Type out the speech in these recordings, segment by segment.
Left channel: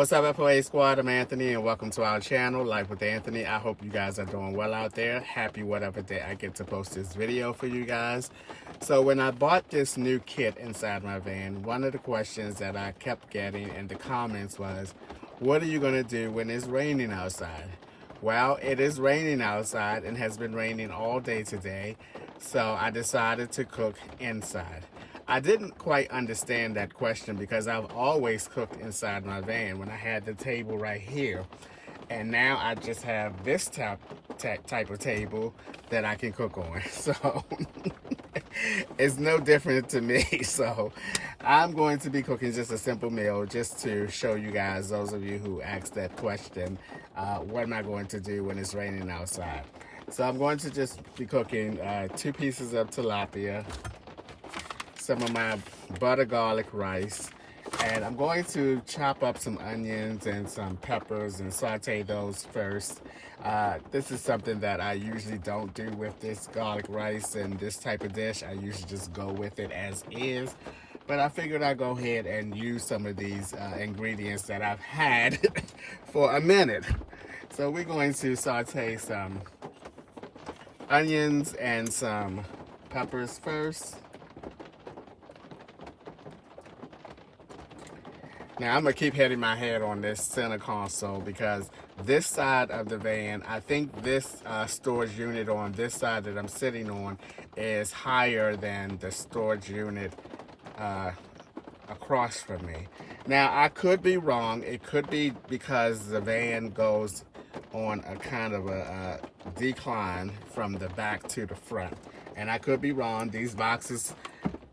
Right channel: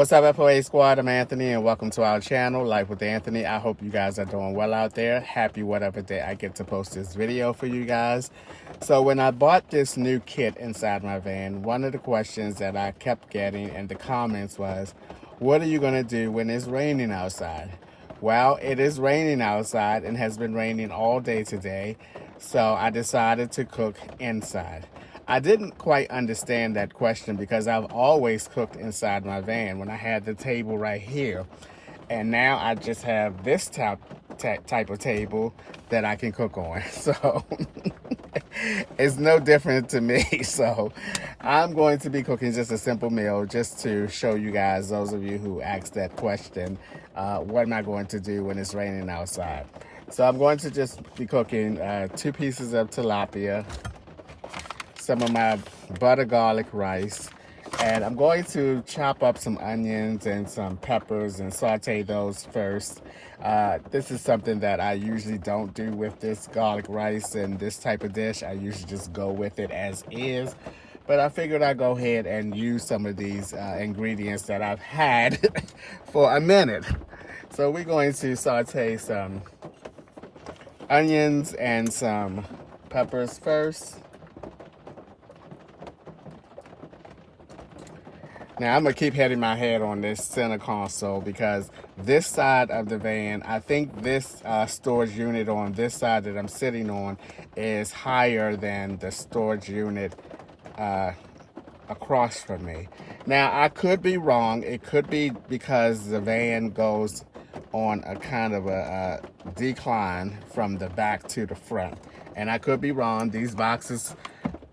What's up, FOA squad? I'm Anthony, and welcome to our channel, Life with Anthony. I hope you guys are doing well out there. Happy whatever day I get to post this video for you guys. So when I bought this new kit inside my van, one of the questions that I kept getting in the comments was, what are you going to do when it's raining outside? Well, it is raining outside and has been raining all day today, so I decided to cook inside. I didn't quite understand that question because I've always cooked inside my van when I had the table right here. And now I just have this type of table that I can cook on. So it's no different to me. So I'm going to be cooking just a simple meal just to show you guys, those of you who asked that question, what am I going to do when it's raining outside? So I'm going to just be cooking 2 pieces of tilapia, some of my butter garlic rice, and I'm going to chop up some onions and some peppers and saute those first. This is something that I usually don't do with this garlic rice and this type of dish. I usually just go with it as is, but I figured I'd go ahead and use some of these ingredients that I've had for a minute. So we're going to saute some onions and some peppers first. Now I'm gonna keep hitting my head on this center console because this side of the van, I think this storage unit on this side that I'm sitting on is higher than the storage unit across from me. Now I could be wrong. It could be because the van goes on a kind of a decline from the back to the front. And I could be wrong. These boxes,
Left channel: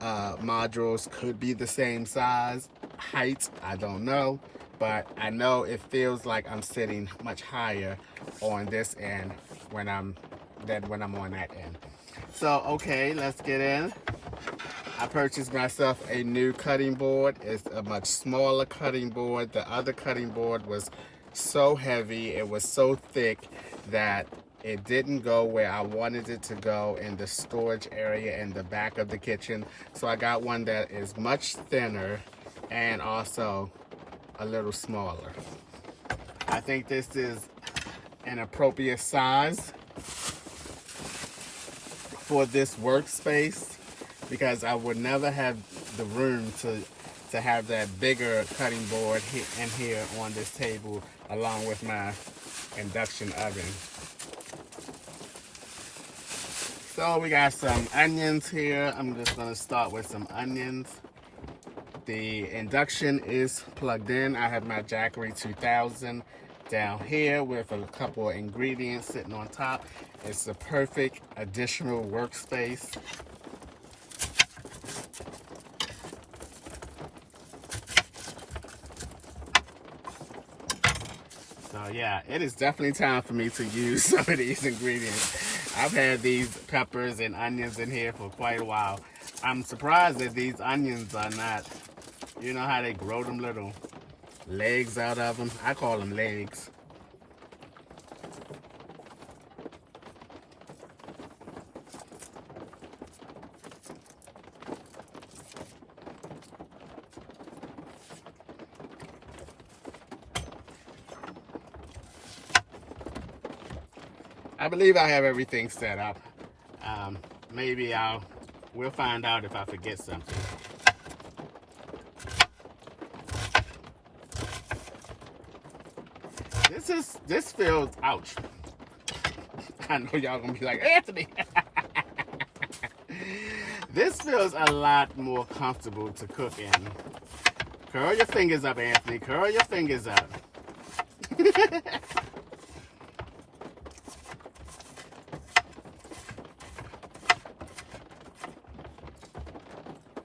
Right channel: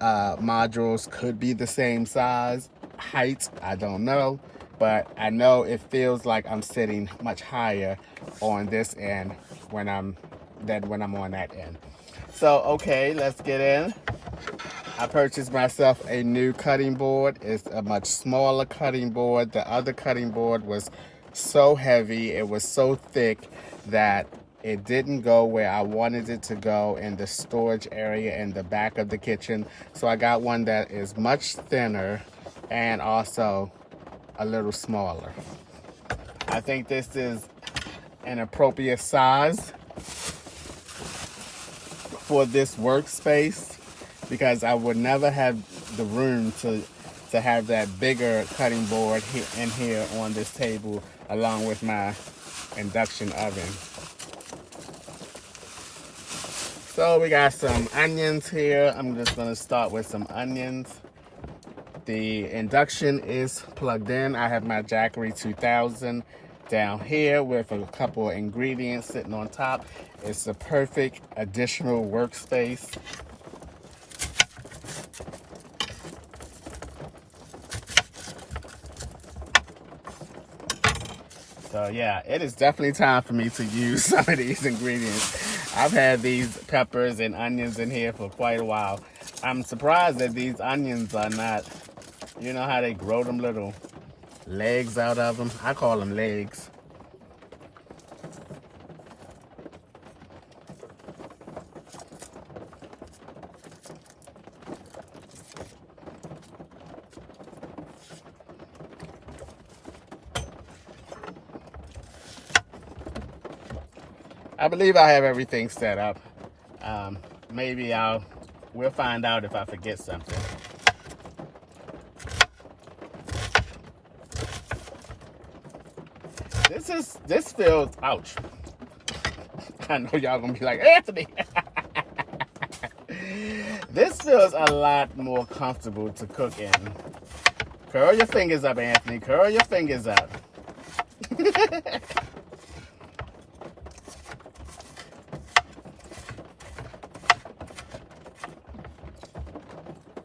modules could be the same size. Height, I don't know, but I know it feels like I'm sitting much higher on this end when I'm on that end. So okay, let's get in. I purchased myself a new cutting board. It's a much smaller cutting board. The other cutting board was so heavy, it was so thick that it didn't go where I wanted it to go in the storage area in the back of the kitchen. So I got one that is much thinner and also a little smaller. I think this is an appropriate size for this workspace because I would never have the room to have that bigger cutting board here on this table along with my induction oven. So we got some onions here. I'm just gonna start with some onions. The induction is plugged in. I have my Jackery 2000 down here with a couple of ingredients sitting on top. It's the perfect additional workspace. So yeah, it is definitely time for me to use some of these ingredients. I've had these peppers and onions in here for quite a while. I'm surprised that these onions are not, you know how they grow them little legs out of them? I call them legs. I believe I have everything set up. Maybe we'll find out if I forget something. This feels, ouch. I know y'all gonna be like, Anthony. This feels a lot more comfortable to cook in. Curl your fingers up, Anthony. Curl your fingers up.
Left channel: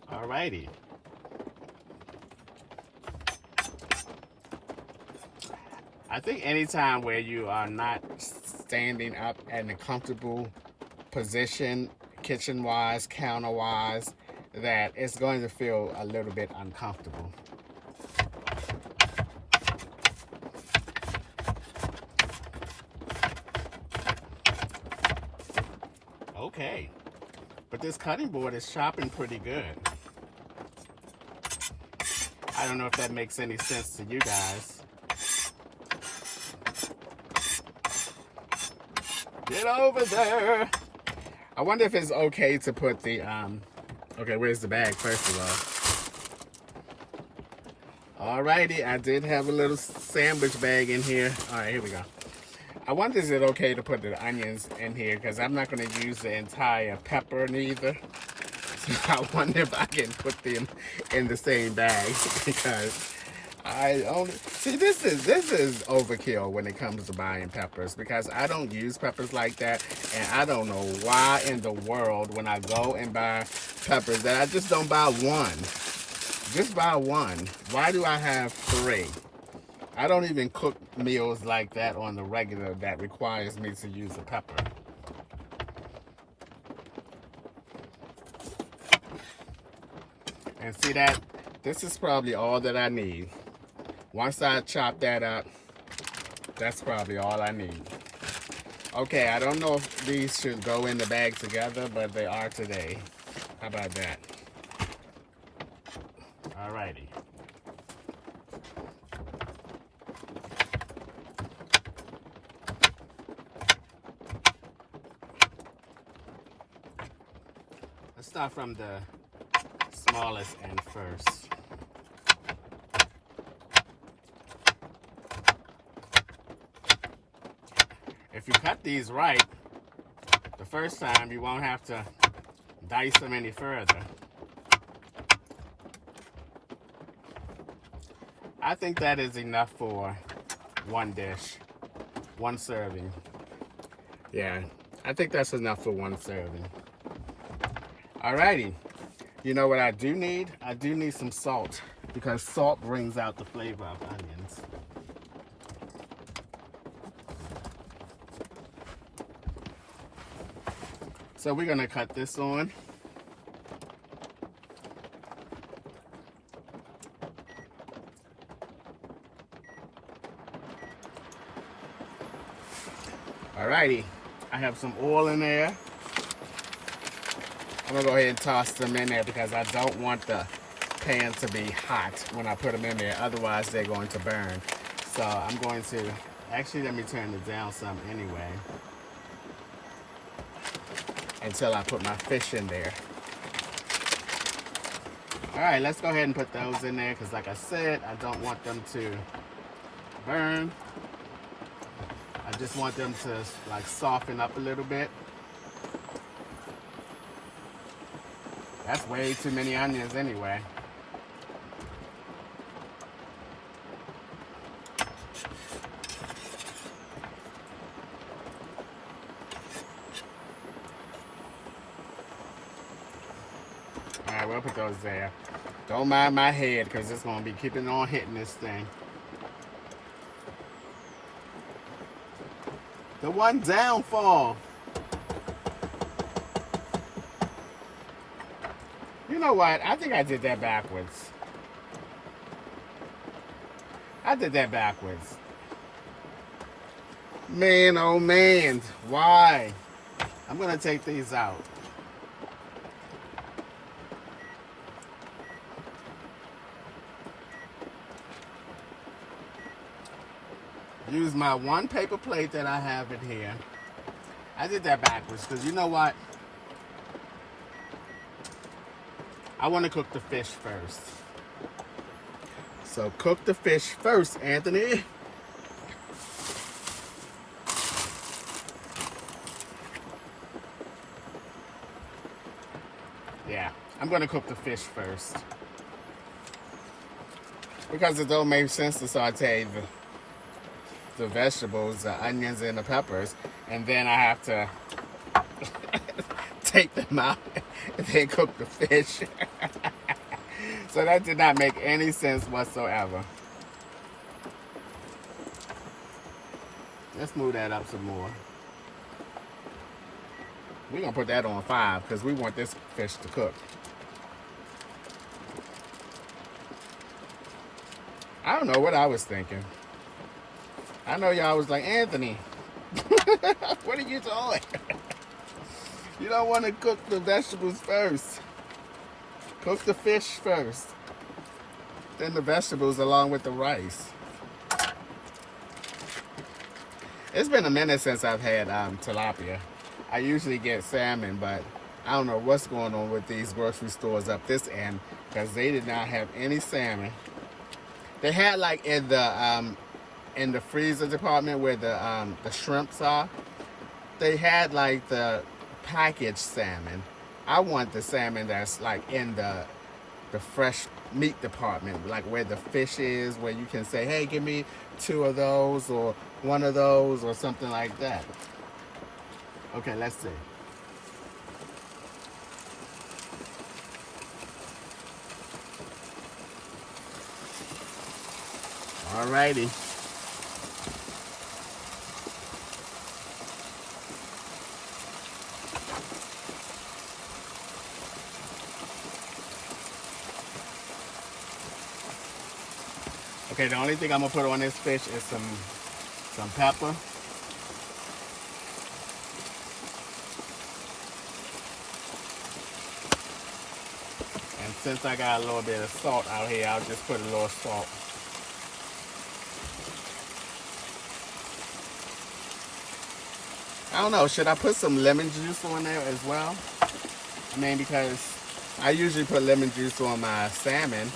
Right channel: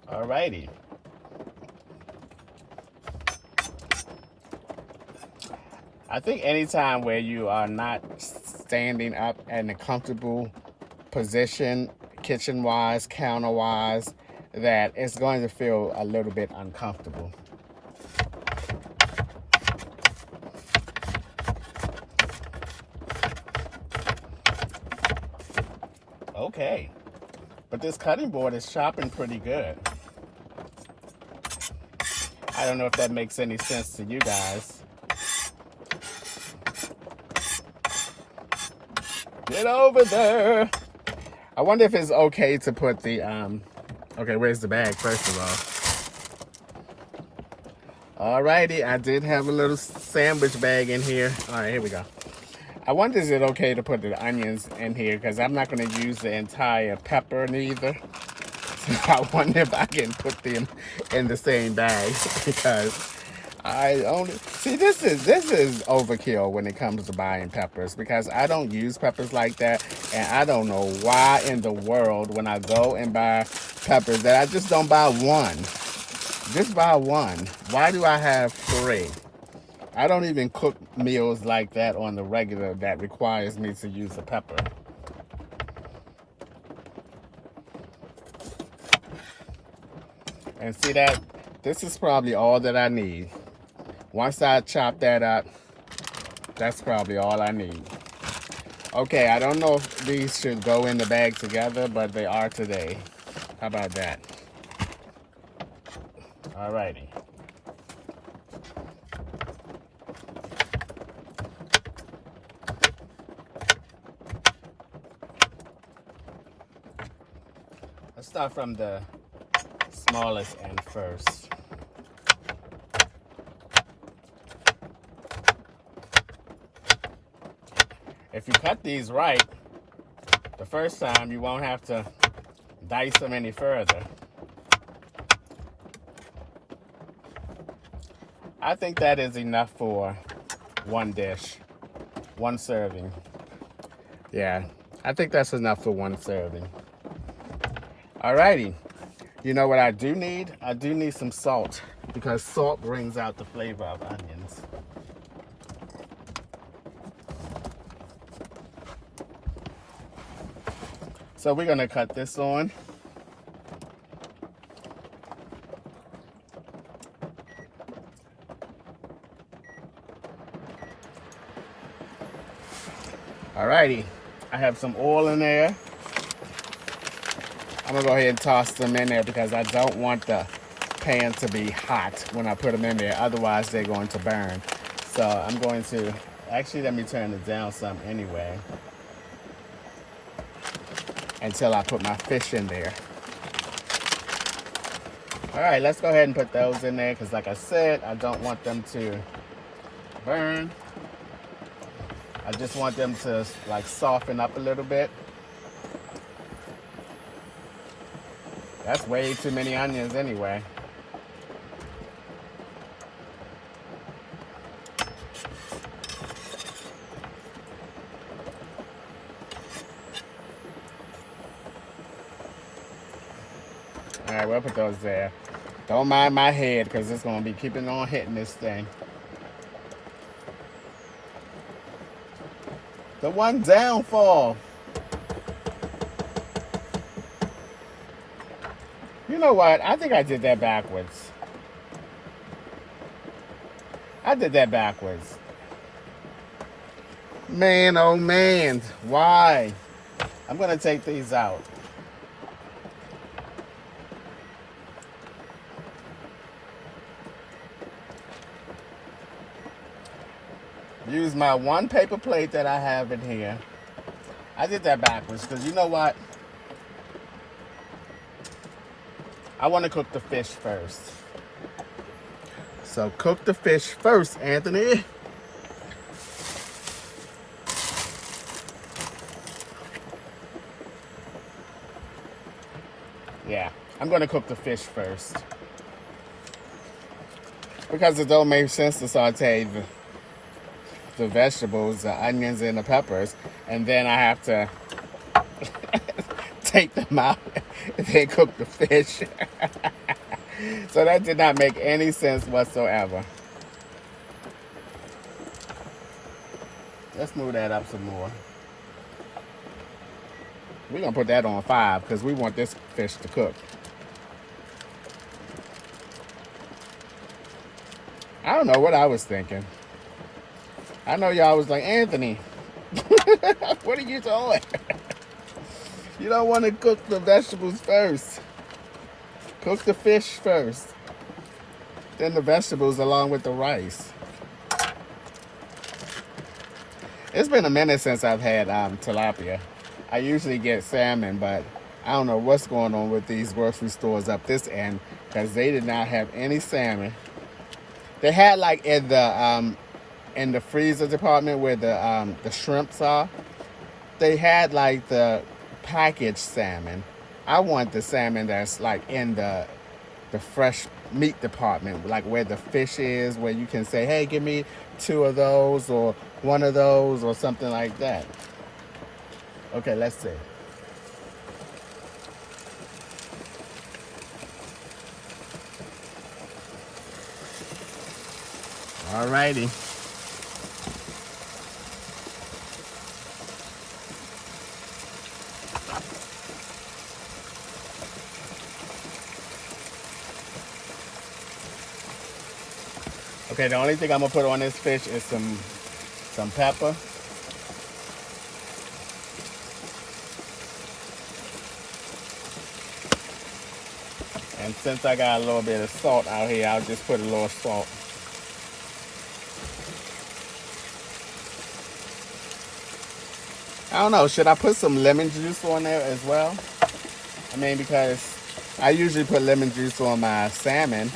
Alrighty. I think anytime where you are not standing up in a comfortable position, kitchen-wise, counter-wise, that it's going to feel a little bit uncomfortable. Okay, but this cutting board is chopping pretty good. I don't know if that makes any sense to you guys. Get over there. I wonder if it's okay to put the, okay, where's the bag, first of all? Alrighty, I did have a little sandwich bag in here. All right, here we go. I wonder is it okay to put the onions in here, because I'm not going to use the entire pepper neither. So I wonder if I can put them in the same bag, because I only see this is overkill when it comes to buying peppers, because I don't use peppers like that, and I don't know why in the world when I go and buy peppers that I just don't buy one. Just buy one. Why do I have 3? I don't even cook meals like that on the regular that requires me to use a pepper. And see that? This is probably all that I need. Once I chop that up, that's probably all I need. Okay, I don't know if these should go in the bag together, but they are today. How about that? Alrighty. Let's start from the smallest end first. If you cut these right, the first time you won't have to dice them any further. I think that is enough for one dish, one serving. Yeah, I think that's enough for one serving. Alrighty, you know what I do need? I do need some salt, because salt brings out the flavor of onions. So we're gonna cut this on. Alrighty, I have some oil in there. I'm gonna go ahead and toss them in there because I don't want the pan to be hot when I put them in there. Otherwise, they're going to burn. So I'm going to, actually let me turn it down some anyway, until I put my fish in there. All right, let's go ahead and put those in there, because like I said, I don't want them to burn. I just want them to like soften up a little bit. That's way too many onions anyway. All right, we'll put those there. Don't mind my head, because it's going to be keeping on hitting this thing. The one downfall. You know what? I think I did that backwards. I did that backwards. Man, oh man. Why? I'm going to take these out. Use my one paper plate that I have in here. I did that backwards because you know what? I want to cook the fish first. So cook the fish first, Anthony. Yeah, I'm going to cook the fish first. Because it don't make sense to saute the vegetables, the onions, and the peppers, and then I have to take them out and then cook the fish. So that did not make any sense whatsoever. Let's move that up some more. We're gonna put that on 5 because we want this fish to cook. I don't know what I was thinking. I know y'all was like, Anthony, what are you doing? You don't want to cook the vegetables first. Cook the fish first. Then the vegetables along with the rice. It's been a minute since I've had tilapia. I usually get salmon, but I don't know what's going on with these grocery stores up this end because they did not have any salmon. They had like in the freezer department where the shrimps are. They had like the packaged salmon. I want the salmon that's like in the fresh meat department, like where the fish is, where you can say, hey, give me 2 of those or 1 of those or something like that. Okay, let's see. Alrighty. Okay, the only thing I'm gonna put on this fish is some pepper. And since I got a little bit of salt out here, I'll just put a little salt. I don't know, should I put some lemon juice on there as well? I mean, because I usually put lemon juice on my salmon.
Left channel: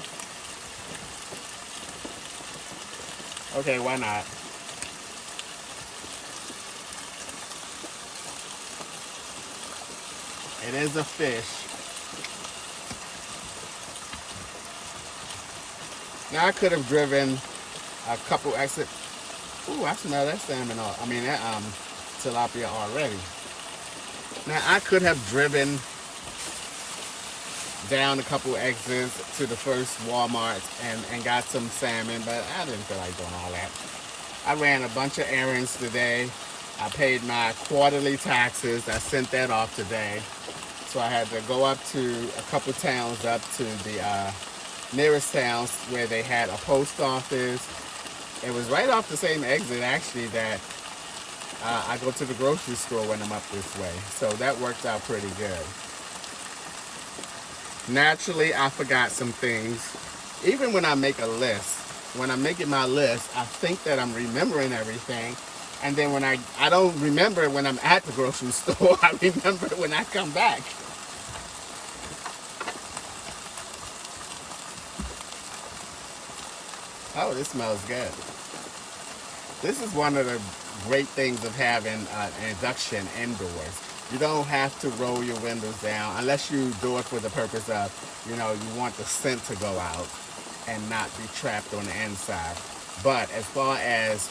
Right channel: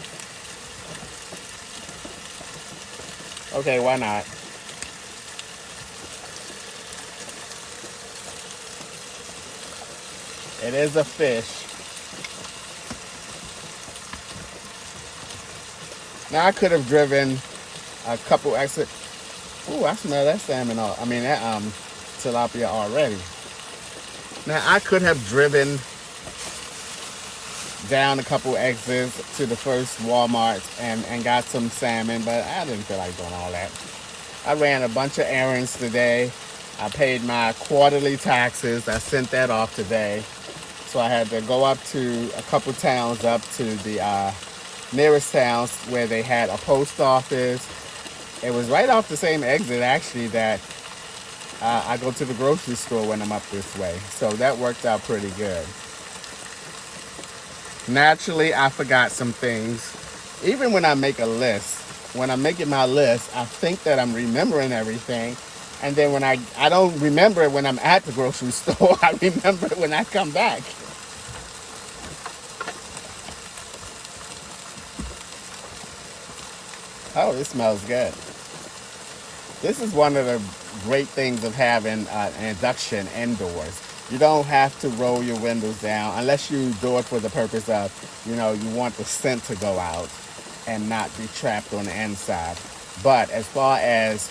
Okay, why not? It is a fish. Now I could have driven a couple exit. Ooh, I smell that salmon. That tilapia already. Now I could have driven down a couple exits to the first Walmart and got some salmon, but I didn't feel like doing all that. I ran a bunch of errands today. I paid my quarterly taxes. I sent that off today. So I had to go up to a couple towns up to the nearest towns where they had a post office. It was right off the same exit actually that I go to the grocery store when I'm up this way. So that worked out pretty good. Naturally, I forgot some things. Even when I make a list, when I'm making my list, I think that I'm remembering everything. And then when I don't remember it when I'm at the grocery store, I remember it when I come back. Oh, this smells good. This is one of the great things of having an induction indoors. You don't have to roll your windows down unless you do it for the purpose of, you want the scent to go out and not be trapped on the inside. But as far as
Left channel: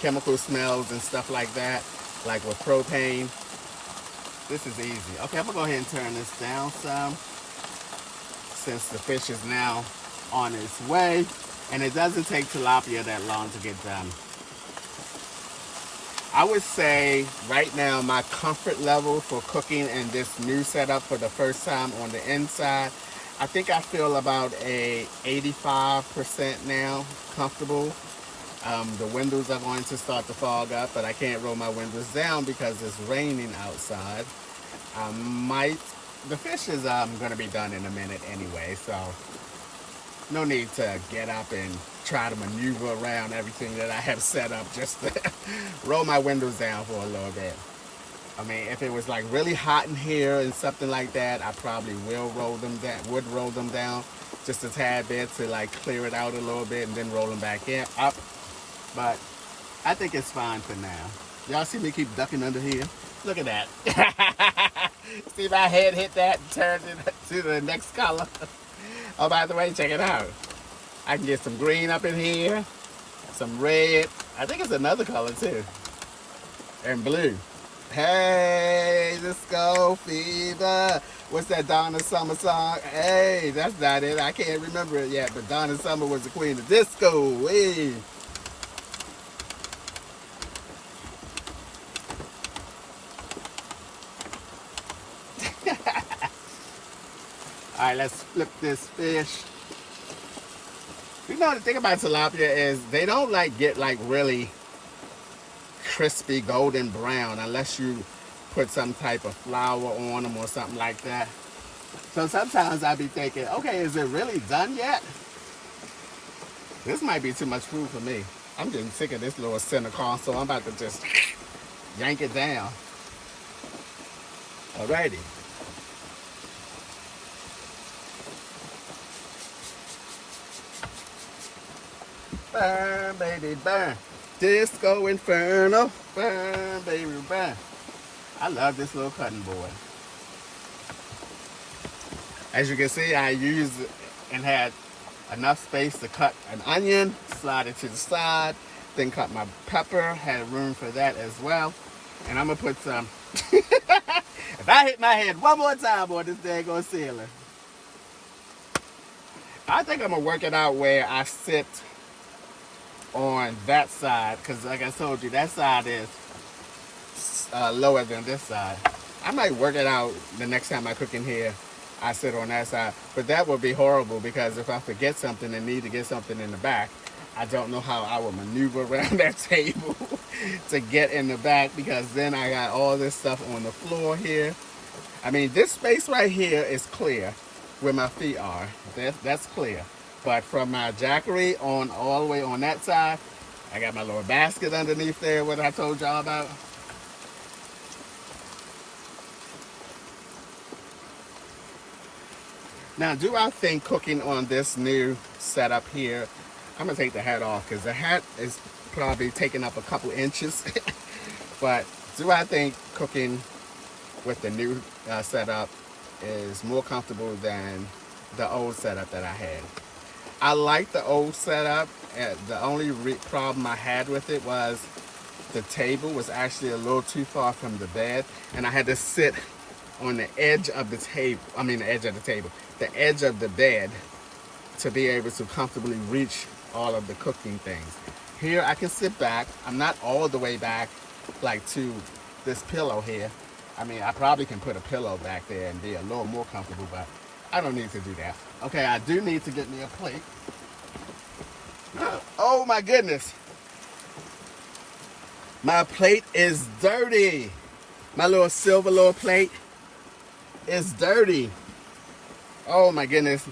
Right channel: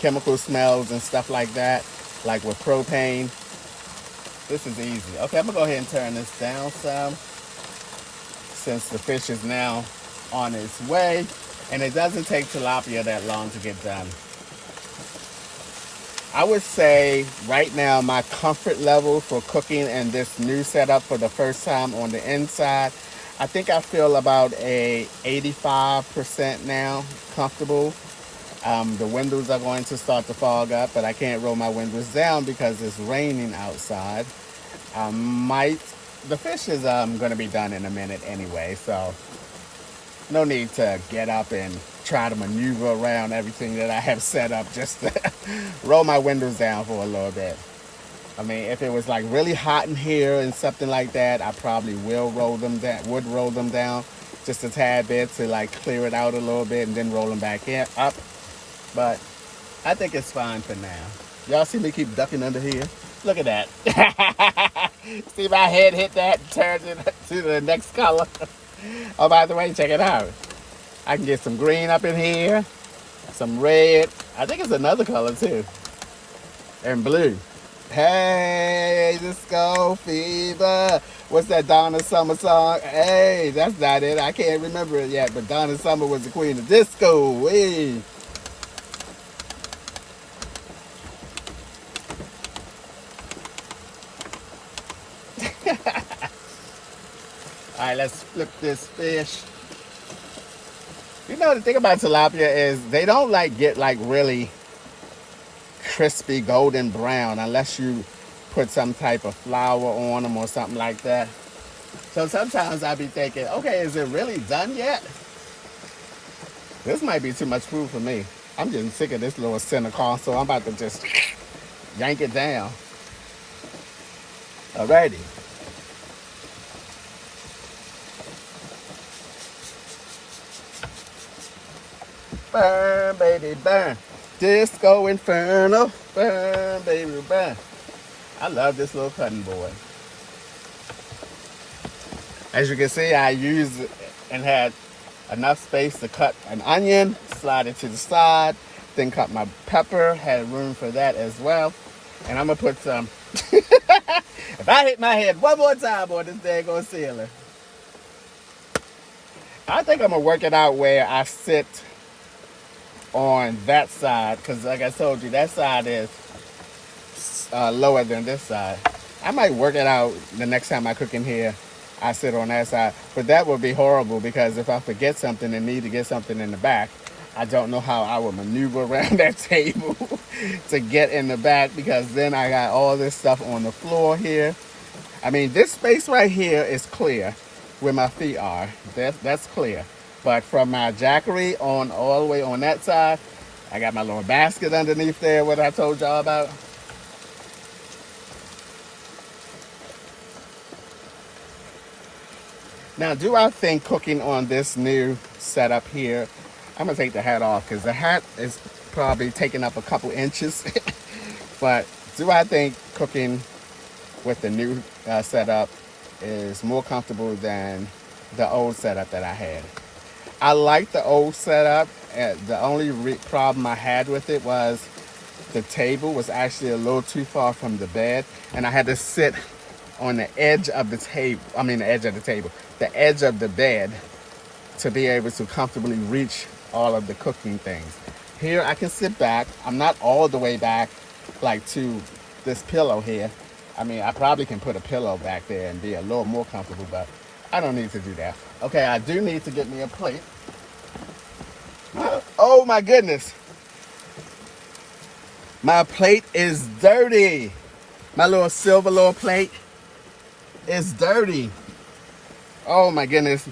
chemical smells and stuff like that, like with propane, this is easy. Okay, I'm gonna go ahead and turn this down some since the fish is now on its way. And it doesn't take tilapia that long to get done. I would say right now my comfort level for cooking in this new setup for the first time on the inside, I think I feel about a 85% now comfortable. The windows are going to start to fog up, but I can't roll my windows down because it's raining outside. The fish is going to be done in a minute anyway, so no need to get up and try to maneuver around everything that I have set up just to roll my windows down for a little bit. I mean, if it was like really hot in here and something like that, I probably would roll them down just a tad bit to like clear it out a little bit and then roll them back up. But I think it's fine for now. Y'all see me keep ducking under here? Look at that. See my head hit that and turned it to the next color. Oh, by the way, check it out. I can get some green up in here, some red. I think it's another color too, and blue. Hey, disco fever. What's that Donna Summer song? Hey, that's not it. I can't remember it yet, but Donna Summer was the queen of disco. Hey. All right, let's flip this fish. The thing about tilapia is they don't get really crispy golden brown unless you put some type of flour on them or something like that. So sometimes I'll be thinking, okay, is it really done yet? This might be too much food for me. I'm getting sick of this little center console. I'm about to just yank it down. Alrighty. Burn, baby, burn. Disco Inferno. Burn, baby, burn. I love this little cutting board. As you can see, I used it and had enough space to cut an onion, slide it to the side, then cut my pepper, had room for that as well. And I'm gonna put some, if I hit my head one more time on this daggone ceiling, I think I'm gonna work it out where I sit on that side, because like I told you, that side is lower than this side. I might work it out the next time I cook in here. I sit on that side, but that would be horrible because if I forget something and need to get something in the back, I don't know how I would maneuver around that table to get in the back, because then I got all this stuff on the floor here. I mean, this space right here is clear where my feet are. That's clear. But from my jackery on all the way on that side, I got my little basket underneath there, what I told y'all about. Now, do I think cooking on this new setup here, I'm going to take the hat off because the hat is probably taking up a couple inches. But do I think cooking with the new setup is more comfortable than the old setup that I had? I like the old setup. The only problem I had with it was the table was actually a little too far from the bed, and I had to sit on the edge of the table. I mean, the edge of the table, the edge of the bed, to be able to comfortably reach all of the cooking things. Here, I can sit back. I'm not all the way back, like to this pillow here. I mean, I probably can put a pillow back there and be a little more comfortable, but I don't need to do that. Okay, I do need to get me a plate. Oh my goodness. My plate is dirty. My little silver little plate is dirty. Oh my goodness.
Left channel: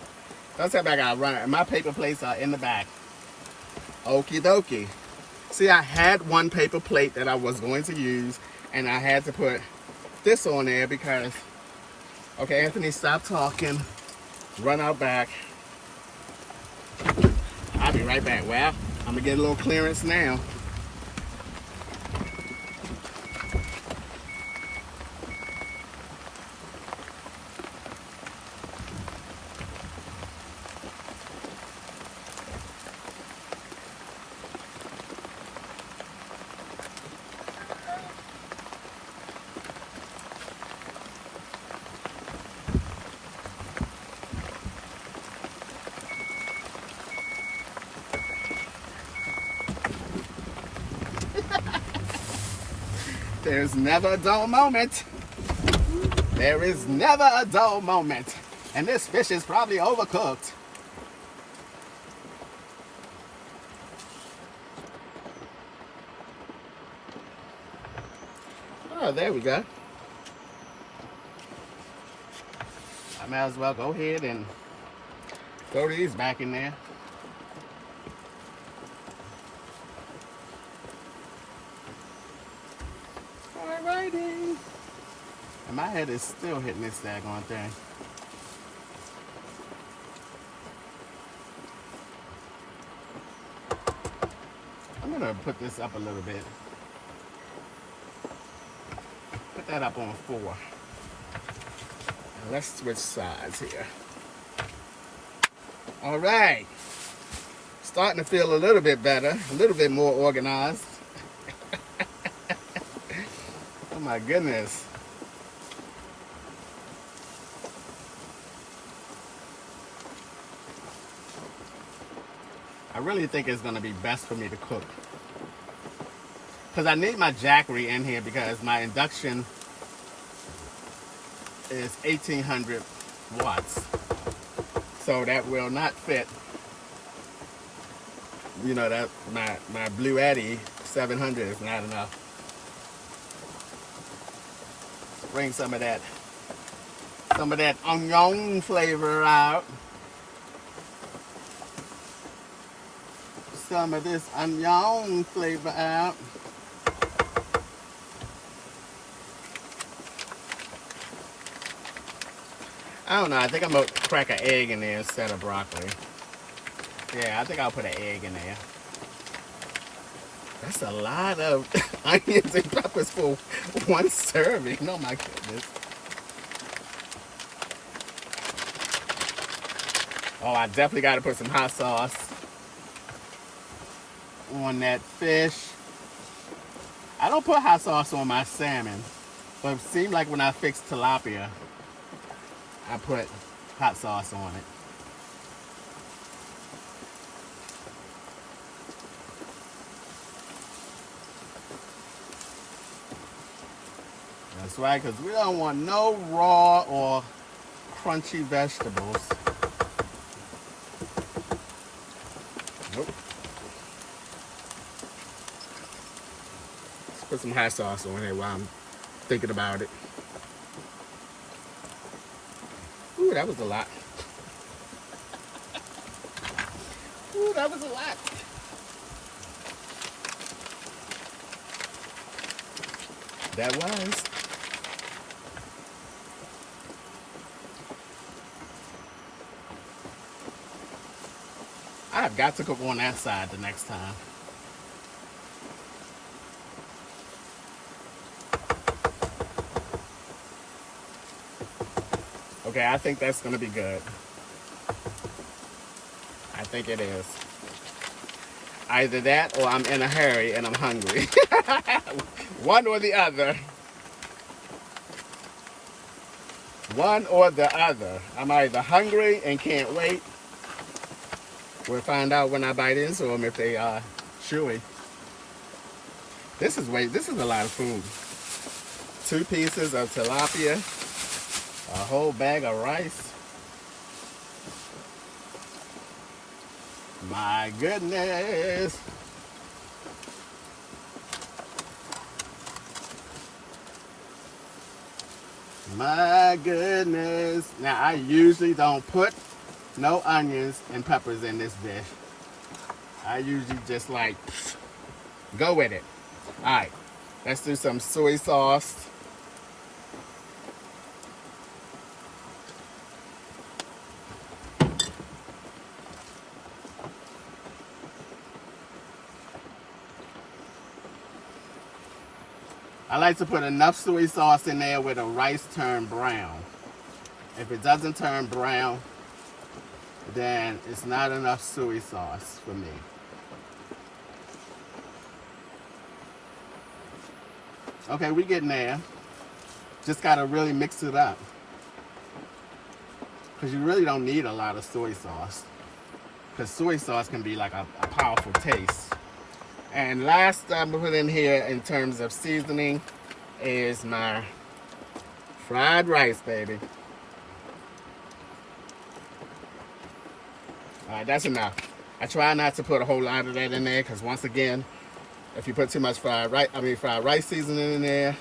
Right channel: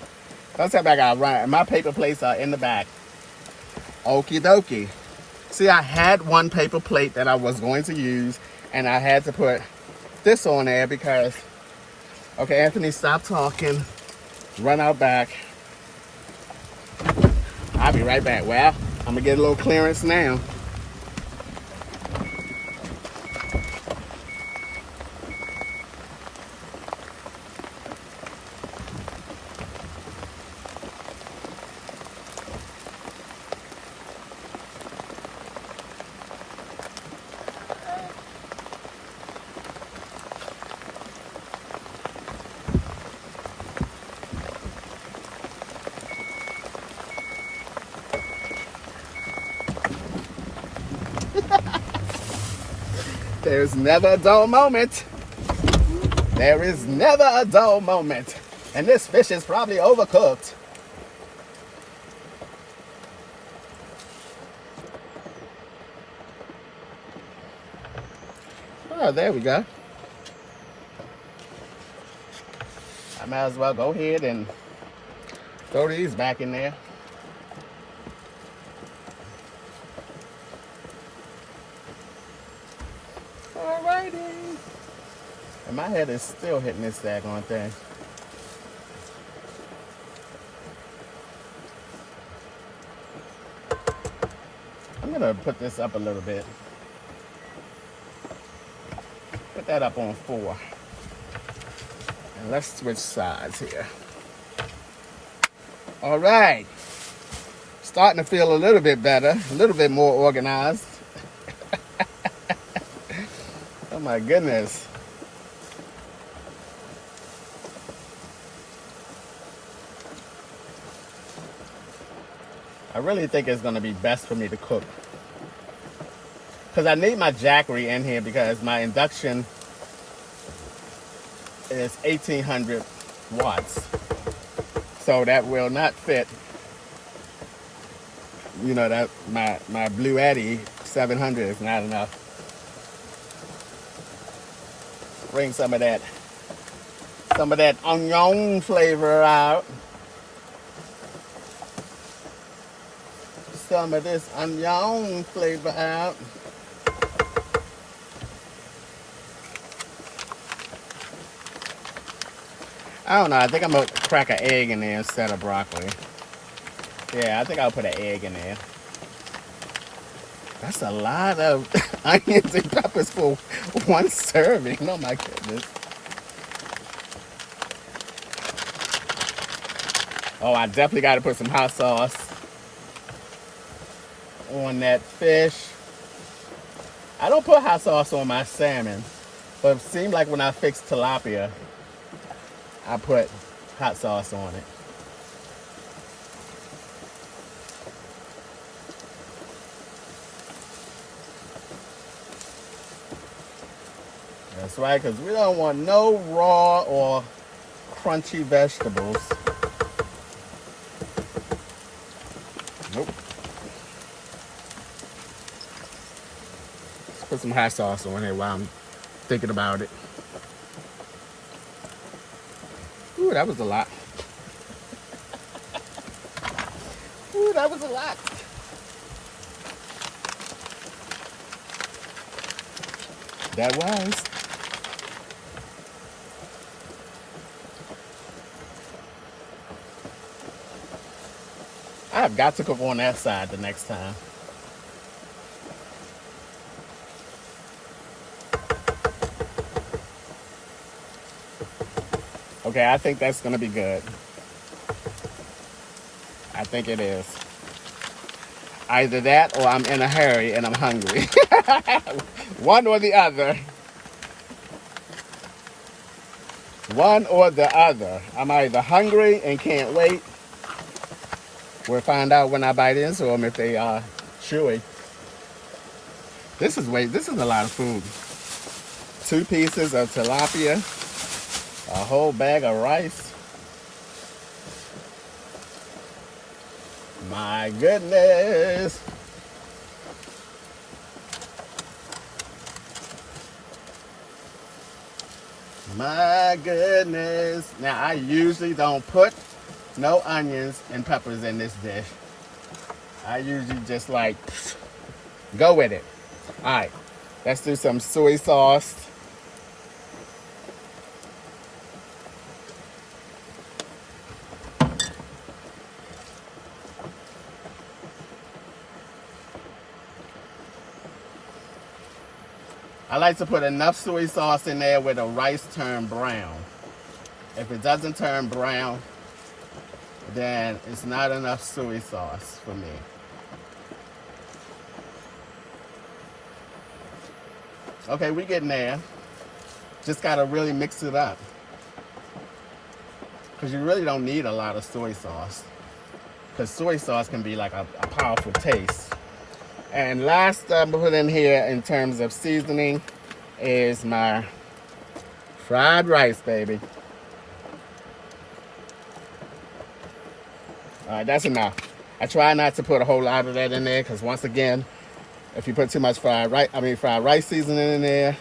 Don't tell me I gotta run. My paper plates are in the back. Okie dokie. See, I had one paper plate that I was going to use, and I had to put this on there because, okay, Anthony, stop talking. Run out back. I'll be right back. Well, I'm gonna get a little clearance now. There's never a dull moment. There is never a dull moment. And this fish is probably overcooked. Oh, there we go. I might as well go ahead and throw these back in there. Alrighty. And my head is still hitting this daggone thing. I'm gonna put this up a little bit. Put that up on 4. And let's switch sides here. All right. Starting to feel a little bit better, a little bit more organized. Oh my goodness. I really think it's gonna be best for me to cook, because I need my jackery in here because my induction is 1800 watts. So that will not fit. You know, that my Blue Eddy 700 is not enough. Bring some of that onion flavor out. some of this onion flavor out. I don't know. I think I'm going to crack an egg in there instead of broccoli. Yeah, I think I'll put an egg in there. That's a lot of onions and peppers for one serving. Oh my goodness. Oh, I definitely got to put some hot sauce on that fish. I don't put hot sauce on my salmon, but it seemed like when I fixed tilapia, I put hot sauce on it. That's right, because we don't want no raw or crunchy vegetables. Nope. Let's put some hot sauce on here while I'm thinking about it. Ooh, that was a lot. Ooh, that was a lot. That was. I've got to cook on that side the next time. Okay, I think that's gonna be good. I think it is. Either that or I'm in a hurry and I'm hungry. One or the other. One or the other. I'm either hungry and can't wait. We'll find out when I bite into them if they are chewy. This is a lot of food. 2 pieces of tilapia, a whole bag of rice. My goodness. My goodness. Now, I usually don't put no onions and peppers in this dish. I usually just like, go with it. All right, let's do some soy sauce. I like to put enough soy sauce in there where the rice turn brown. If it doesn't turn brown, then it's not enough soy sauce for me. Okay, we getting there. Just gotta really mix it up. Because you really don't need a lot of soy sauce. Because soy sauce can be like a powerful taste. And last I'm gonna put in here in terms of seasoning is my fried rice, baby. That's enough. I try not to put a whole lot of that in there because once again, if you put too much fried rice seasoning in there,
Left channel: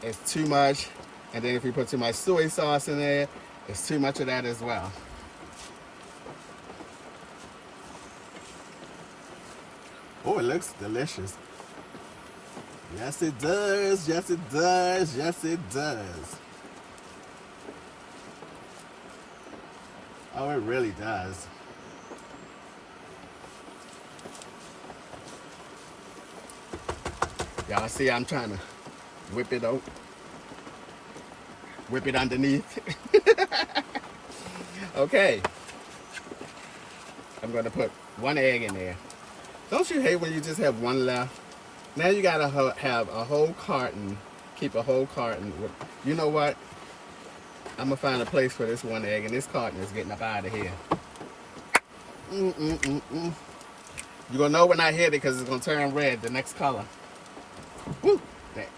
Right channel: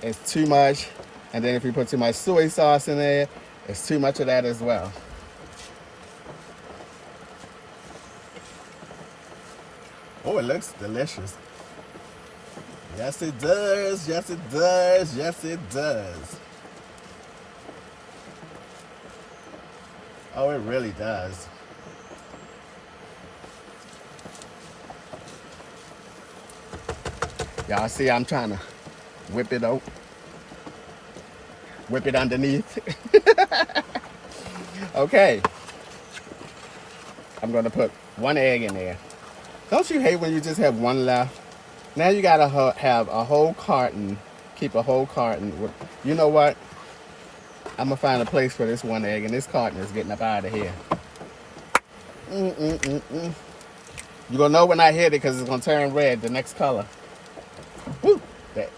it's too much. And then if you put too much soy sauce in there, it's too much of that as well. Oh, it looks delicious. Yes, it does. Yes, it does. Yes, it does. Oh, it really does. Y'all see I'm trying to whip it out. Whip it underneath. Okay. I'm going to put 1 egg in there. Don't you hate when you just have 1 left? Now you got to have a whole carton. Keep a whole carton. You know what? I'm going to find a place for this 1 egg, and this carton is getting up out of here. You're going to know when I hit it because it's going to turn red, the next color. Woo! That.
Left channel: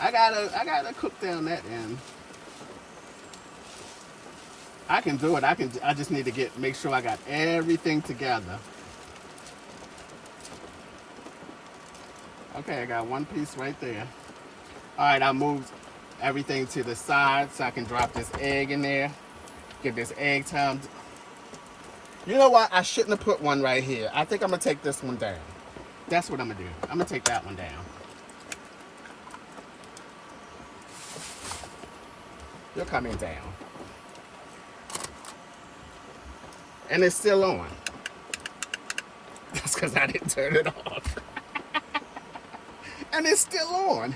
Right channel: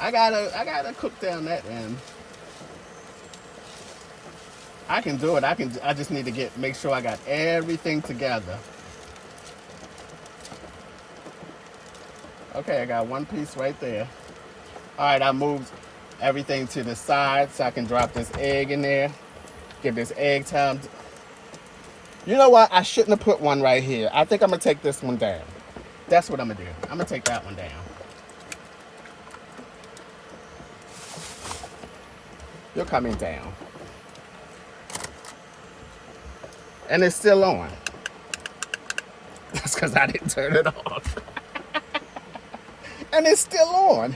I gotta cook down that end. I can do it. I just need to make sure I got everything together. Okay, I got 1 piece right there. All right, I moved everything to the side so I can drop this egg in there. Give this egg time. You know what? I shouldn't have put one right here. I think I'm going to take this one down. That's what I'm going to do. I'm going to take that one down. You're coming down. And it's still on. That's because I didn't turn it off. And it's still on.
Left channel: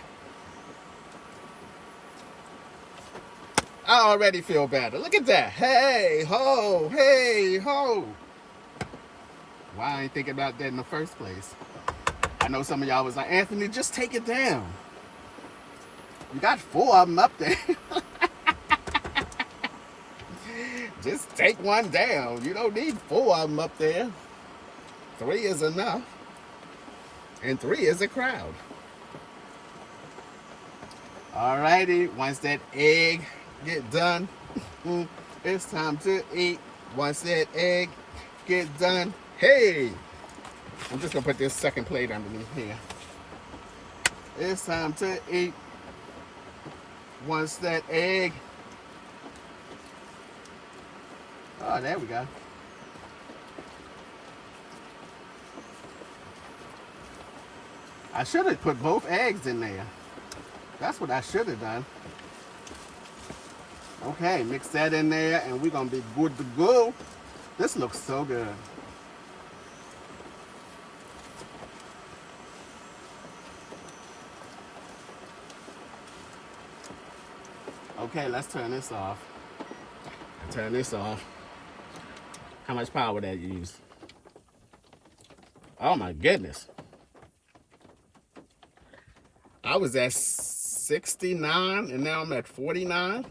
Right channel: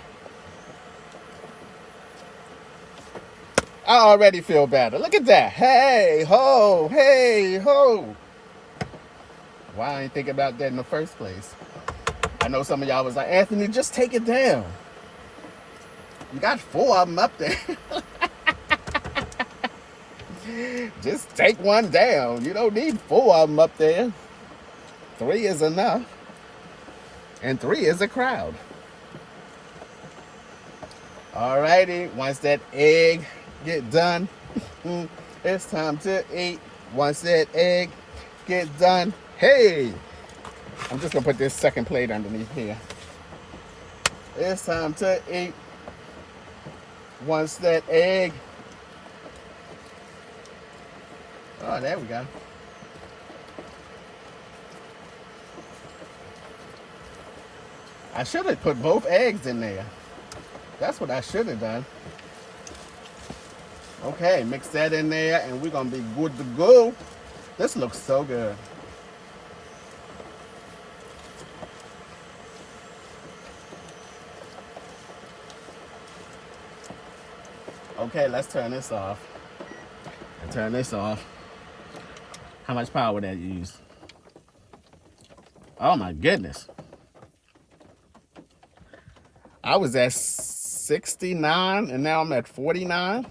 I already feel better. Look at that. Hey, ho, hey, ho. Why I ain't thinking about that in the first place? I know some of y'all was like, Anthony, just take it down. You got 4 of them up there. Just take one down. You don't need 4 of them up there. 3 is enough. And 3 is a crowd. Alrighty, once that egg get done, it's time to eat. Once that egg get done, hey, I'm just gonna put this second plate underneath here. It's time to eat. Once that egg, oh, there we go. I should have put both eggs in there. That's what I should have done. Okay, mix that in there and we're gonna be good to go. This looks so good. Okay, let's turn this off. Turn this off. How much power would that use? Oh my goodness. I was at 69 and now I'm at 49.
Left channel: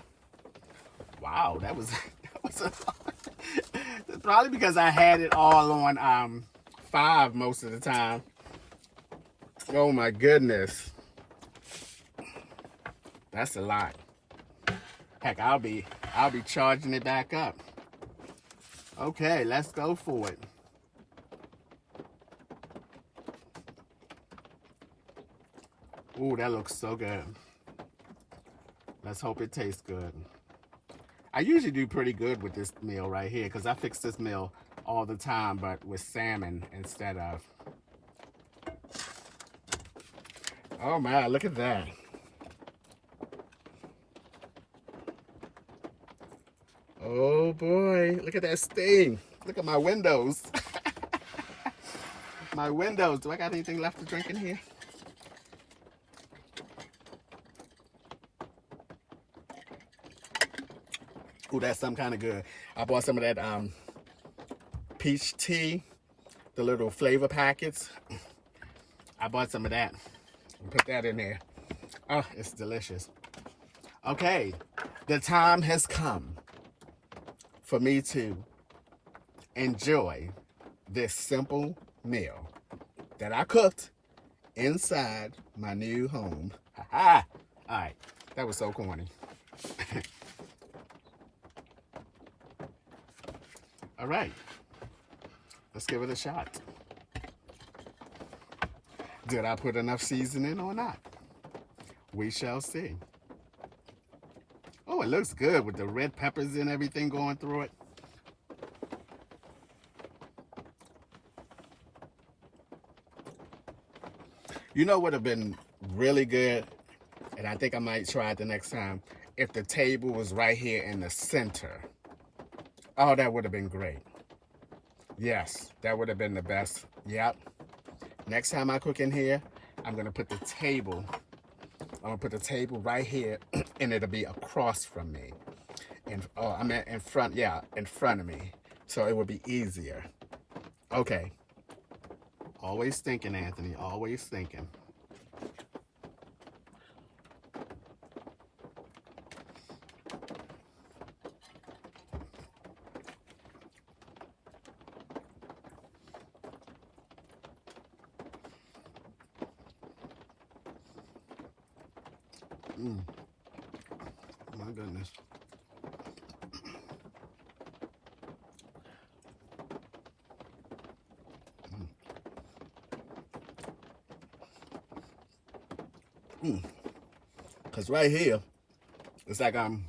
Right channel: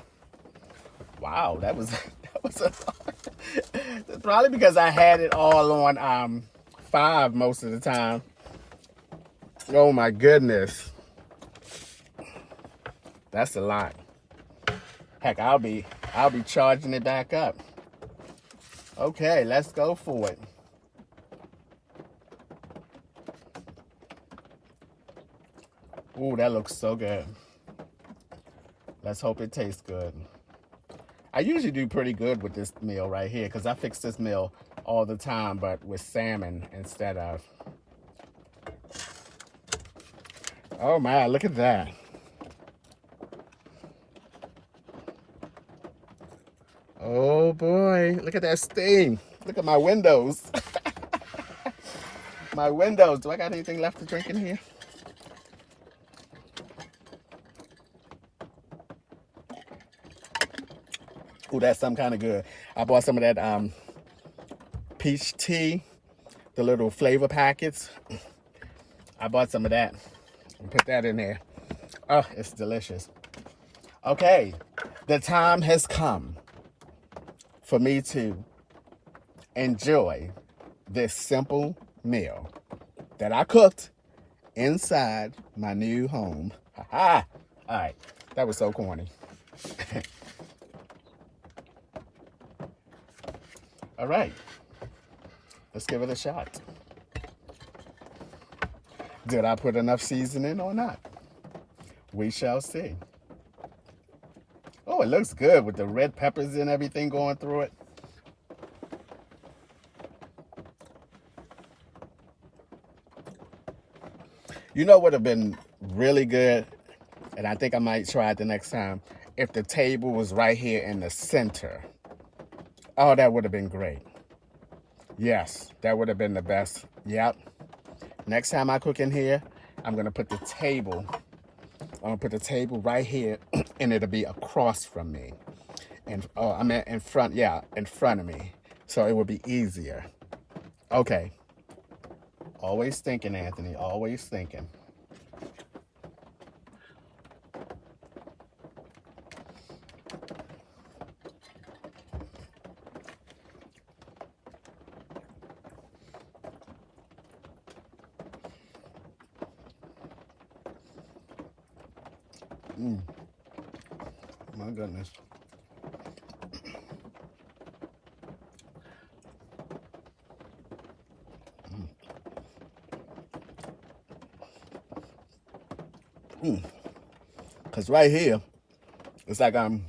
Wow, that was a lot. Probably because I had it all on 5 most of the time. Oh my goodness. That's a lot. Heck, I'll be charging it back up. Okay, let's go for it. Ooh, that looks so good. Let's hope it tastes good. I usually do pretty good with this meal right here because I fix this meal all the time, but with salmon instead of. Oh my, look at that. Oh boy, look at that stain. Look at my windows. My windows. Do I got anything left to drink in here? Ooh, that's some kind of good. I bought some of that peach tea, the little flavor packets. I bought some of that and put that in there. Oh, it's delicious. Okay, the time has come for me to enjoy this simple meal that I cooked inside my new home. Ha-ha! All right, that was so corny. All right, let's give it a shot. Did I put enough seasoning or not? We shall see. Oh, it looks good with the red peppers and everything going through it. You know what would have been really good, and I think I might try it the next time, if the table was right here in the center. Oh, that would have been great. Yes, that would have been the best. Yep. Next time I cook in here, I'm going to put the table. I'm going to put the table right here, and it'll be across from me. And oh, I meant in front, yeah, in front of me. So it will be easier. Okay. Always thinking, Anthony, always thinking. My goodness. Because right here, it's like I'm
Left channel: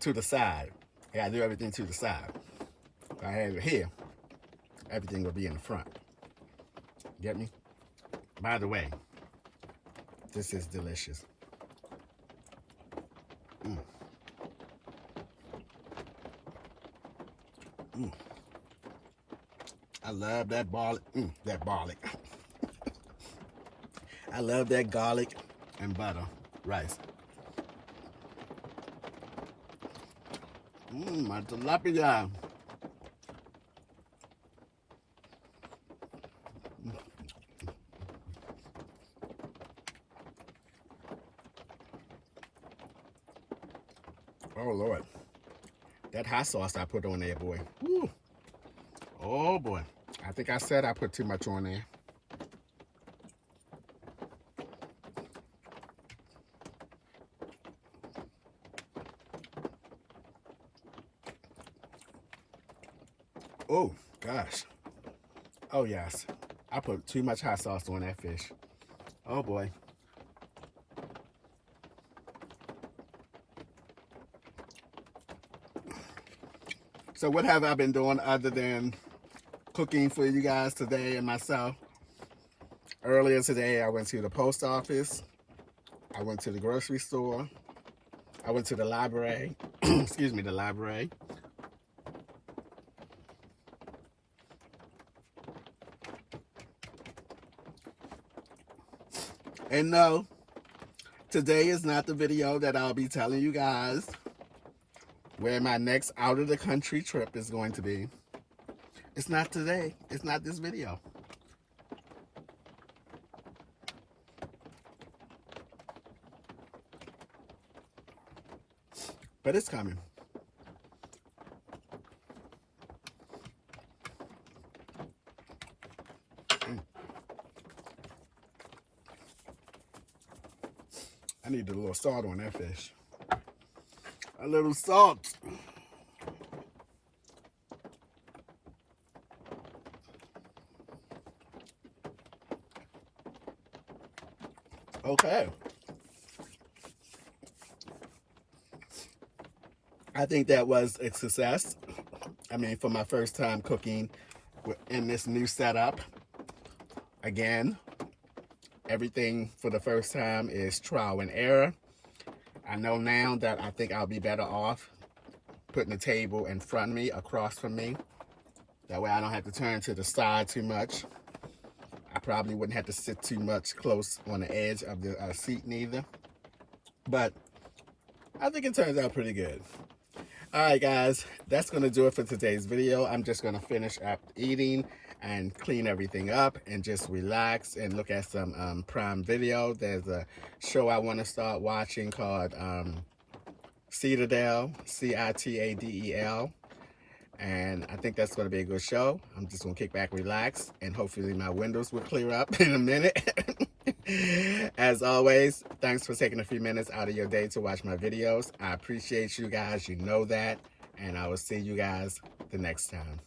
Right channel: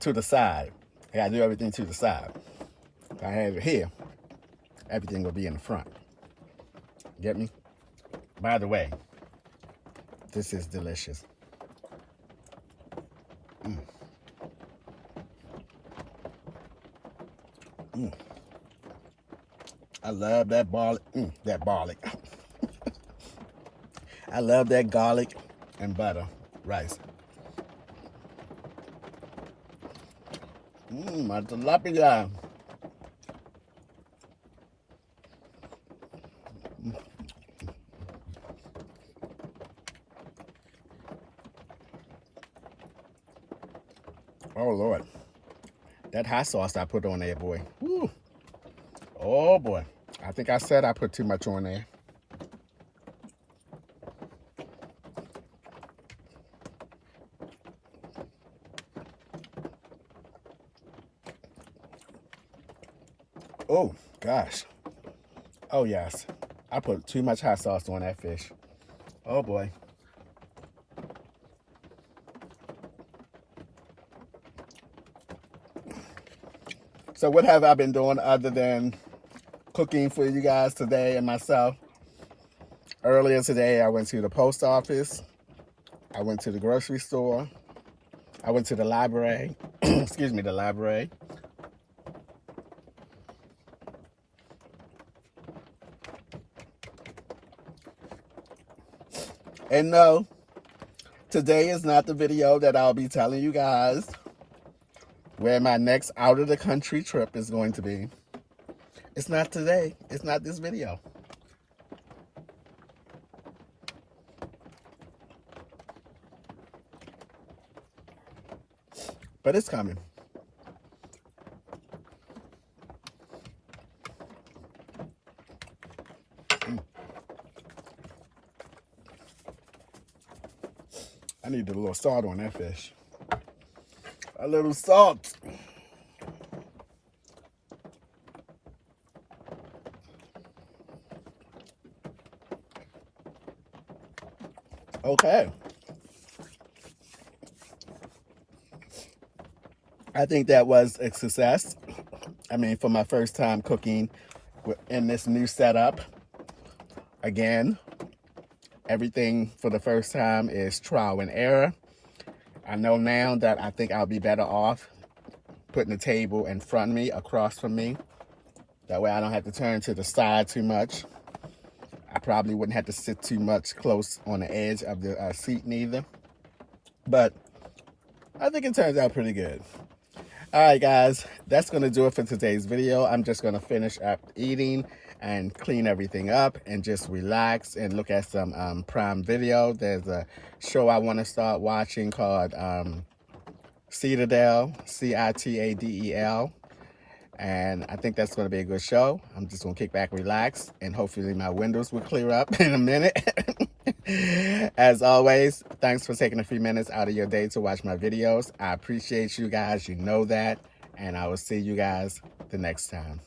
to the side. I got to do everything to the side. If I had it here, everything would be in the front. Get me? By the way, this is delicious. Mm. Mm. I love that garlic. That garlic. I love that garlic and butter rice. My tilapia. Oh, Lord. That hot sauce I put on there, boy. Woo. Oh, boy. I think I said I put too much on there. Oh, gosh. Oh, yes. I put too much hot sauce on that fish. Oh, boy. So what have I been doing other than cooking for you guys today and myself? Earlier today, I went to the post office. I went to the grocery store. I went to the library. Excuse me, the library. And no, today is not the video that I'll be telling you guys where my next out of the country trip is going to be. It's not today. It's not this video. But it's coming. I need a little salt on that fish. A little salt. Okay. I think that was a success. I mean, for my first time cooking in this new setup. Again, everything for the first time is trial and error. I know now that I think I'll be better off putting the table in front of me, across from me. That way I don't have to turn to the side too much. I probably wouldn't have to sit too much close on the edge of the seat neither. But I think it turns out pretty good. All right, guys, that's going to do it for today's video. I'm just going to finish up eating and clean everything up and just relax and look at some Prime Video. There's a show I want to start watching called Citadel, Citadel. And I think that's going to be a good show. I'm just going to kick back, relax, and hopefully my windows will clear up in a minute. As always, thanks for taking a few minutes out of your day to watch my videos. I appreciate you guys. You know that. And I will see you guys the next time.